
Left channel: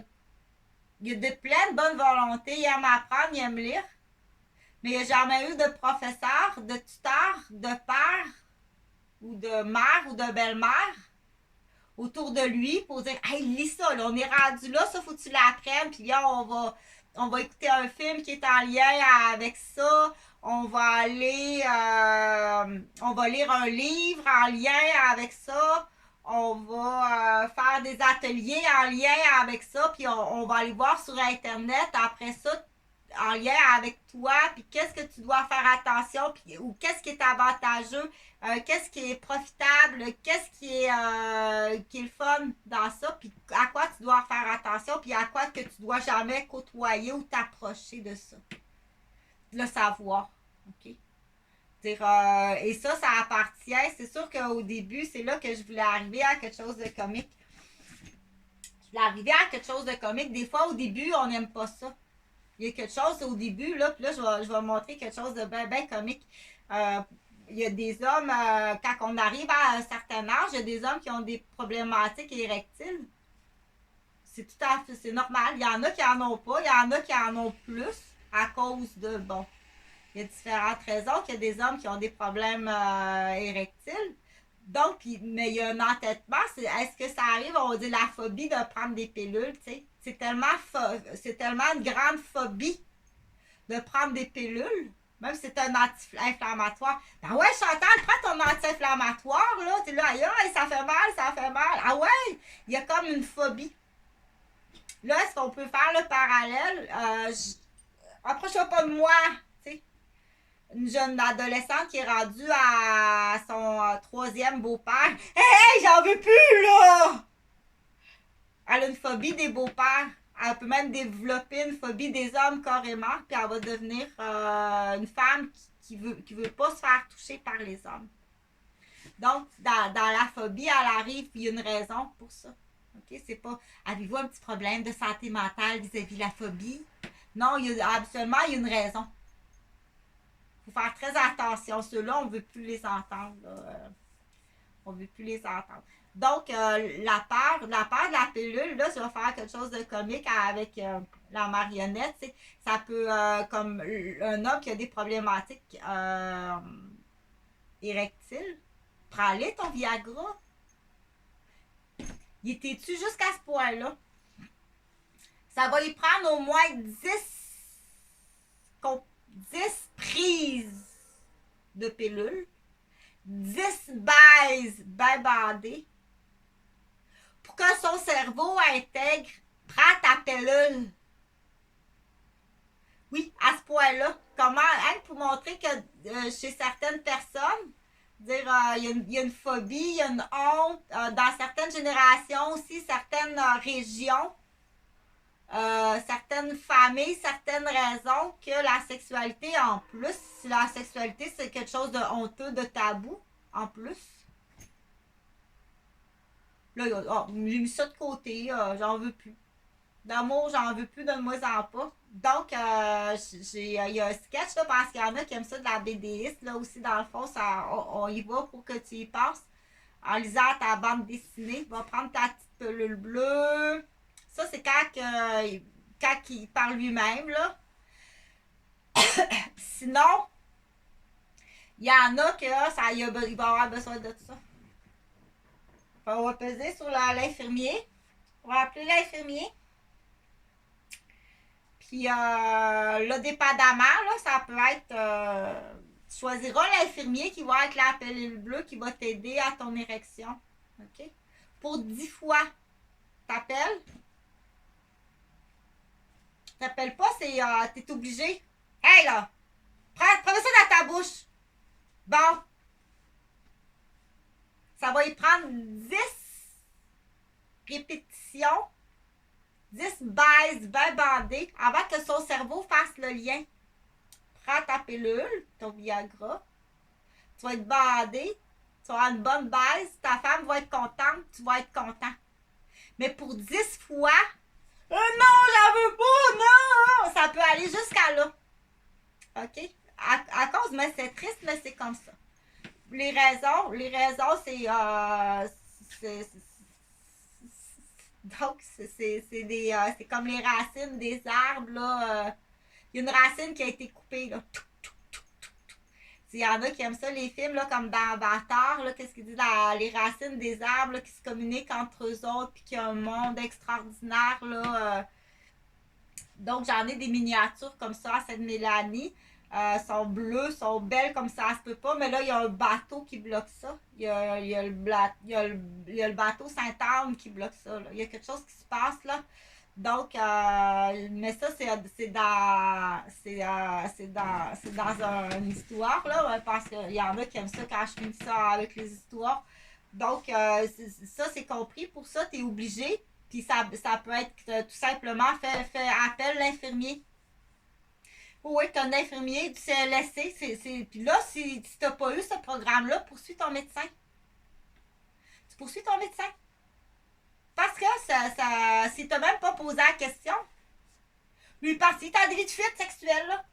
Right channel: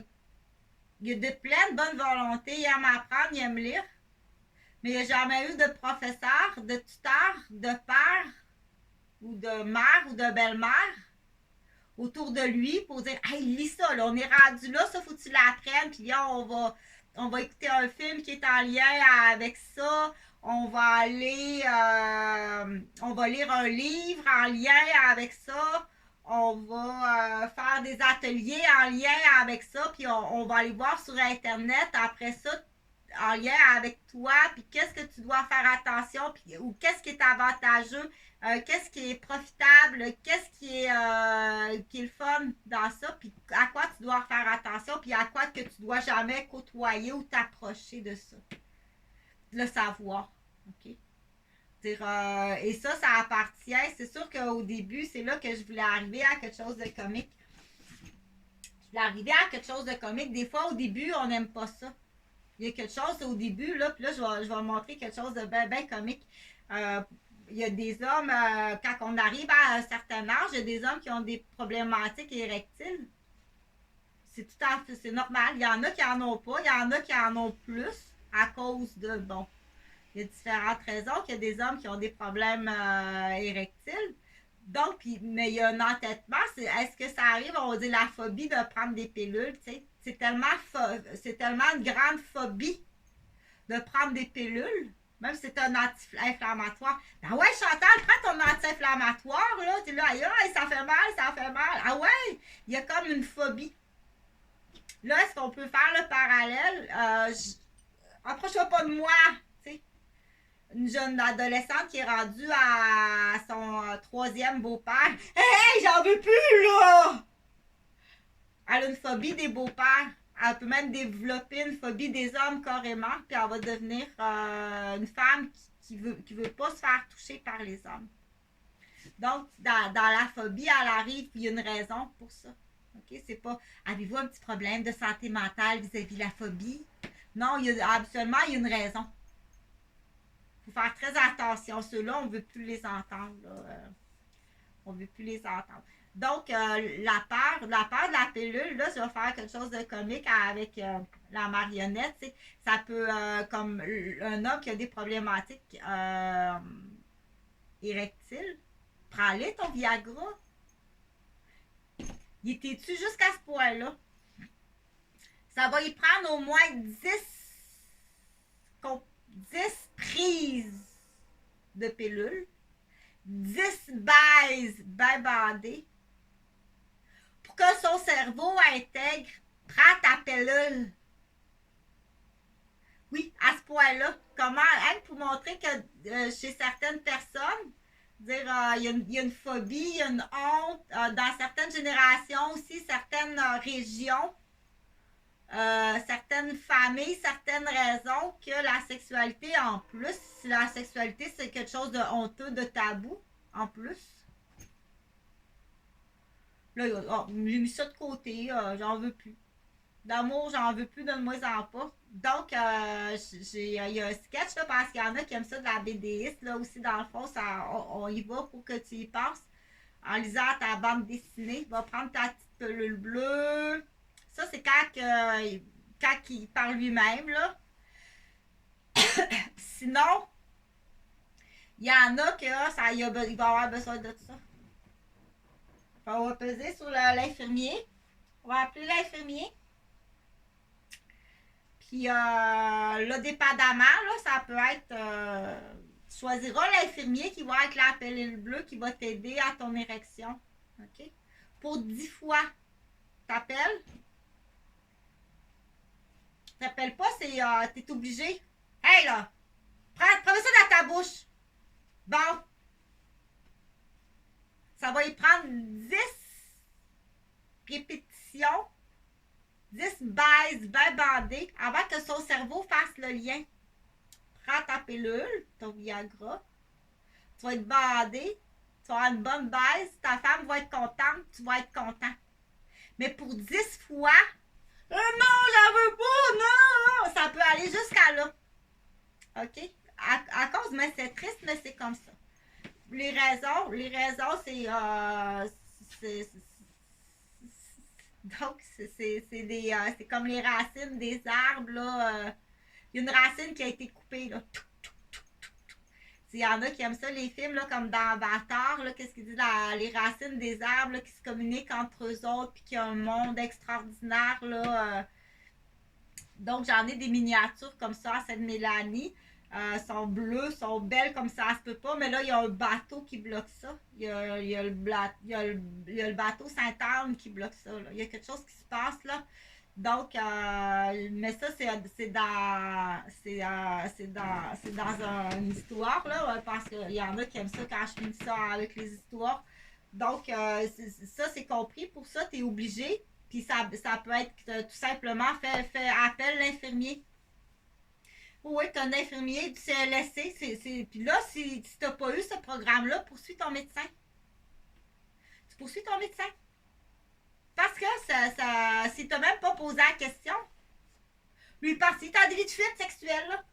de pleine bonne volonté. Il aime apprendre, il aime lire. Mais il n'a jamais eu de professeur, de tuteur, de père, ou de mère, ou de belle-mère autour de lui pour dire hey, lis ça, là, on est rendu là, ça faut que tu l'apprennes, puis là, on va écouter un film qui est en lien avec ça. On va on va lire un livre en lien avec ça. On va faire des ateliers en lien avec ça, puis on va aller voir sur Internet après ça, en lien avec toi, puis qu'est-ce que tu dois faire attention, puis, ou qu'est-ce qui est avantageux, qu'est-ce qui est profitable, qu'est-ce qui est le fun dans ça, puis à quoi tu dois faire attention, puis à quoi que tu dois jamais côtoyer ou t'approcher de ça. Le savoir, ok? Dire, et ça appartient, c'est sûr qu'au début, c'est là que je voulais arriver à quelque chose de comique. Je voulais arriver à quelque chose de comique. Des fois, au début, on n'aime pas ça. Il y a quelque chose au début, là, puis là, je vais montrer quelque chose de bien comique. Il y a des hommes, quand on arrive à un certain âge, il y a des hommes qui ont des problématiques érectiles. C'est tout à fait, c'est normal. Il y en a qui en ont pas, il y en a qui en ont plus à cause de, bon, il y a différentes raisons qu'il y a des hommes qui ont des problèmes érectiles. Donc, mais il y a un entêtement, est-ce que ça arrive, on dit la phobie de prendre des pilules, tu sais. C'est tellement une grande phobie de prendre des pilules, même si c'est un anti-inflammatoire. Ben ouais, Chantal, prends ton anti-inflammatoire, là. T'es là, aïe, ça fait mal, ça fait mal. Ah ouais, il y a comme une phobie. Là, est-ce qu'on peut faire le parallèle? Approche-toi pas de moi, tu sais. Une jeune adolescente qui est rendue à son troisième beau-père. Hey, j'en veux plus, là! Elle a une phobie des beaux-pères. Elle peut même développer une phobie des hommes carrément, puis elle va devenir une femme qui veut pas se faire toucher par les hommes. Donc, dans la phobie, elle arrive, puis il y a une raison pour ça. OK? C'est pas, avez-vous un petit problème de santé mentale vis-à-vis de la phobie? Non, absolument, il y a une raison. Il faut faire très attention. Ceux-là, on ne veut plus les entendre. On ne veut plus les entendre. Donc, la peur de la pilule, là, ça va faire quelque chose de comique avec la marionnette. T'sais. Ça peut, comme un homme qui a des problématiques érectiles, prends-le ton Viagra. Il était-tu jusqu'à ce point-là? Ça va y prendre au moins 10 prises de pilules, 10 baises bien bandées, pour que son cerveau intègre, prends ta pilule. Oui, à ce point-là. Comment, hein, pour montrer que chez certaines personnes, dire il y a une phobie, il y a une honte, dans certaines générations aussi, certaines régions, certaines familles, certaines raisons que la sexualité, en plus, si la sexualité c'est quelque chose de honteux, de tabou, en plus. Là, j'ai mis ça de côté, j'en veux plus. D'amour, j'en veux plus, donne-moi-en pas. Donc, il y a un sketch, là, parce qu'il y en a qui aiment ça de la BDiste, là aussi, dans le fond, on y va pour que tu y passes. En lisant ta bande dessinée, va prendre ta petite pelule bleue. Ça, c'est quand il parle lui-même, là. Sinon, il y en a que il va avoir besoin de ça. On va peser sur l'infirmier. On va appeler l'infirmier. Puis là, dépendamment, là, ça peut être... tu choisiras l'infirmier qui va être la pilule bleue qui va t'aider à ton érection. OK? Pour 10 fois, t'appelles. T'appelles pas, t'es obligé. Hey là! Prends ça dans ta bouche. Bon. Ça va y prendre 10 répétitions 10 baises bien bandées avant que son cerveau fasse le lien. Prends ta pilule, ton Viagra, tu vas être bandé, tu vas avoir une bonne baise, ta femme va être contente, tu vas être content. Mais pour 10 fois, non, j'en veux pas, non! Ça peut aller jusqu'à là. OK? À cause, mais c'est triste, mais c'est comme ça. Les raisons, donc, c'est comme les racines des arbres, là. Il y a une racine qui a été coupée, là. Il y en a qui aiment ça, les films, là, comme dans Avatar, là, qu'est-ce qu'ils disent, les racines des arbres, là, qui se communiquent entre eux autres, puis qu'il y a un monde extraordinaire, là. Donc, j'en ai des miniatures comme ça à cette Mélanie. Sont bleues, sont belles comme ça se peut pas, mais là, il y a un bateau qui bloque ça. Il y a le bateau Sainte-Anne qui bloque ça. Là. Il y a quelque chose qui se passe là. Donc, mais ça, c'est dans une histoire, là, parce qu'il y en a qui aiment ça quand je finis ça avec les histoires. Donc, ça, c'est compris. Pour ça, tu es obligé. Puis ça peut être tout simplement fait appel l'infirmier. Oui, tu as un infirmier du CLSC. Puis là, si tu n'as pas eu ce programme-là, poursuis ton médecin. Tu poursuis ton médecin. Parce que si tu n'as même pas posé la question, lui, parce que tu as des vies de fuite sexuelle, là.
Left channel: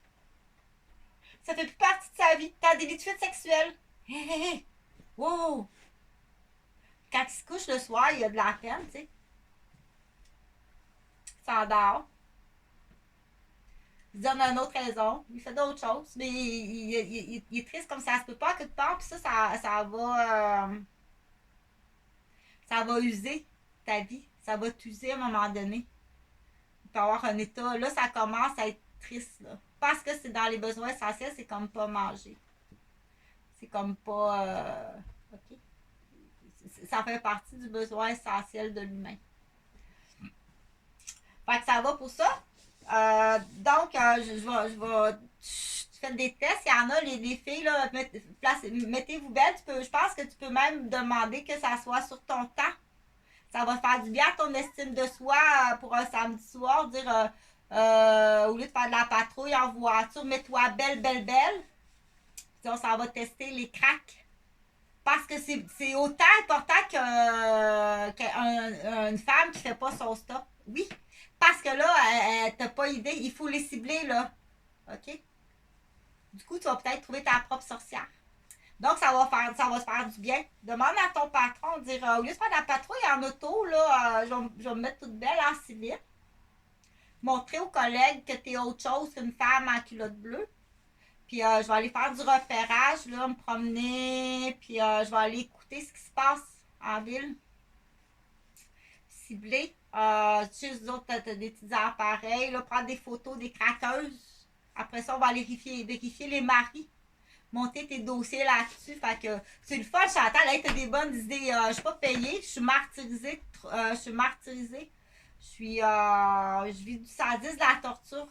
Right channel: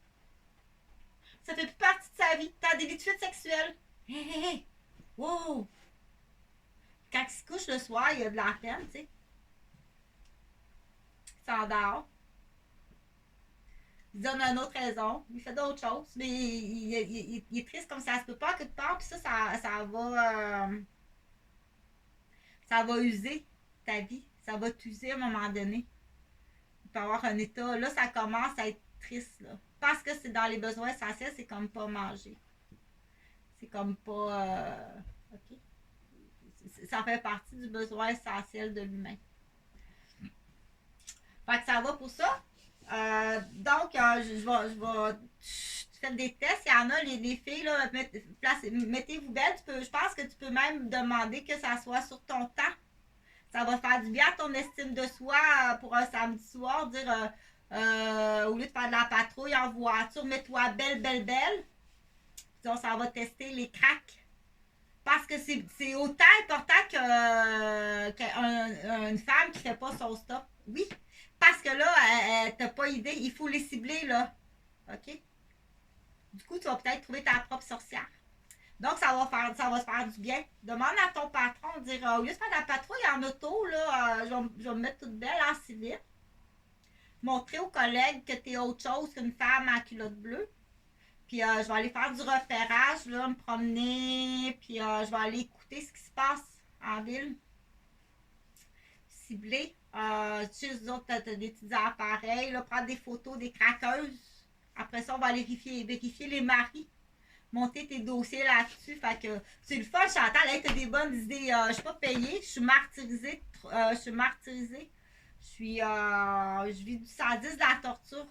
Ça fait plus partie de sa vie. Tu as des vies de fuite sexuelle. Hé, hé, hé. Wow! Quand il se couche le soir, il y a de la peine, tu sais. Il s'endort. Il donne une autre raison, il fait d'autres choses, mais il est triste comme ça se peut pas quelque part, puis ça va user ta vie, ça va t'user à un moment donné. Il peut y avoir un état, là ça commence à être triste, là. Parce que c'est dans les besoins essentiels, c'est comme pas manger. C'est comme pas... OK? Ça fait partie du besoin essentiel de l'humain. Fait que ça va pour ça. Donc, je vais faire des tests. Il y en a, les filles, là, mettez-vous belle. Je pense que tu peux même demander que ça soit sur ton temps. Ça va faire du bien à ton estime de soi pour un samedi soir. Dire, au lieu de faire de la patrouille en voiture, mets-toi belle, belle, belle. Donc, ça va tester les cracks. Parce que c'est autant important qu'une femme qui ne fait pas son stop. Oui. Parce que là, t'as pas idée, il faut les cibler, là. OK? Du coup, tu vas peut-être trouver ta propre sorcière. Donc, ça va se faire du bien. Demande à ton patron, dire, au lieu de faire de la patrouille en auto, là, je vais me mettre toute belle en civil. Montrer aux collègues que tu es autre chose qu'une femme en culotte bleue. Puis, je vais aller faire du repérage, là, me promener. Puis, je vais aller écouter ce qui se passe en ville. Cibler. Tu sais, les autres, t'as des petits appareils, là, prendre des photos des craqueuses. Après ça, on va aller vérifier les maris. Monter tes dossiers là-dessus. Fait que c'est le fun, Chantal. Hey, t'as des bonnes idées. Je suis pas payée. Je suis martyrisée. Je vis du sadisme, de la torture.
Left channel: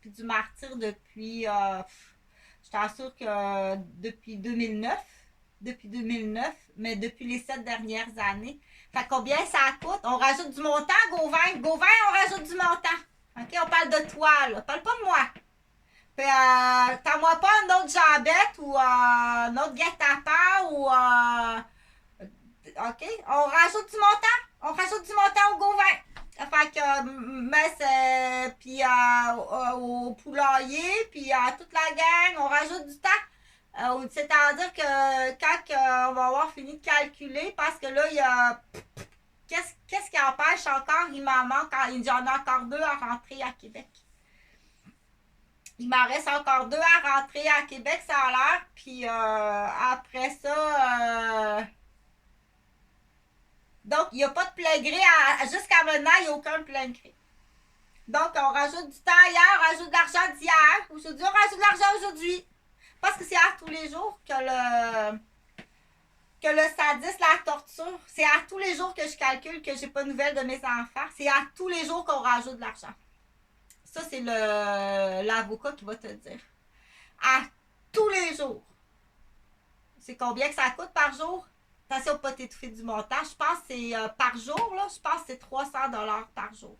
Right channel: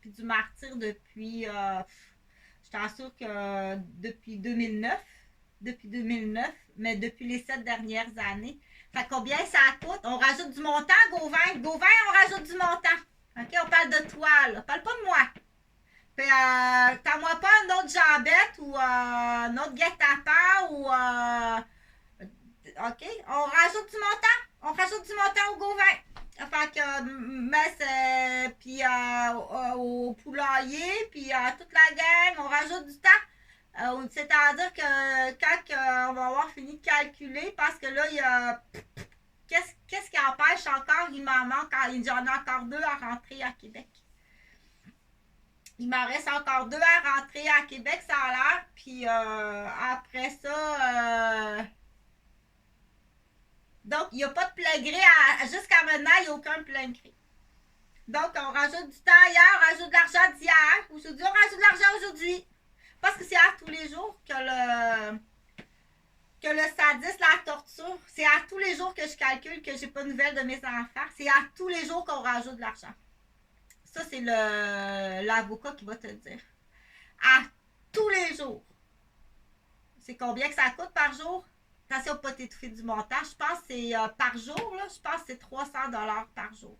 Puis du martyr depuis. Je t'assure que depuis 2009. Mais depuis les 7 dernières années. Fait combien ça coûte? On rajoute du montant, Gauvin. Gauvin, on rajoute du montant. OK? On parle de toi, là. Parle pas de moi. Puis, t'as-moi pas une autre jambette ou un autre guet-apens ou... OK? On rajoute du montant. On rajoute du montant au Gauvin. Fait que, mais c'est... Puis, au poulailler, puis toute la gang, on rajoute du temps. C'est-à-dire que quand on va avoir fini de calculer, parce que là, il y a... Qu'est-ce qui empêche encore? Il m'en manque, j'en ai encore 2 à rentrer à Québec. Il m'en reste encore 2 à rentrer à Québec, ça a l'air. Puis après ça... Donc, il n'y a pas de plein gré. Jusqu'à maintenant, il n'y a aucun plein gré. Donc, on rajoute du temps hier, on rajoute de l'argent d'hier. Aujourd'hui, on rajoute de l'argent aujourd'hui. Parce que c'est à tous les jours que le sadisme, la torture, c'est à tous les jours que je calcule que j'ai pas de nouvelles de mes enfants. C'est à tous les jours qu'on rajoute de l'argent. Ça, c'est l'avocat qui va te dire. À tous les jours. C'est combien que ça coûte par jour? Attention, pas t'étouffer du montant. Je pense que c'est par jour, là, je pense que c'est 300$ par jour.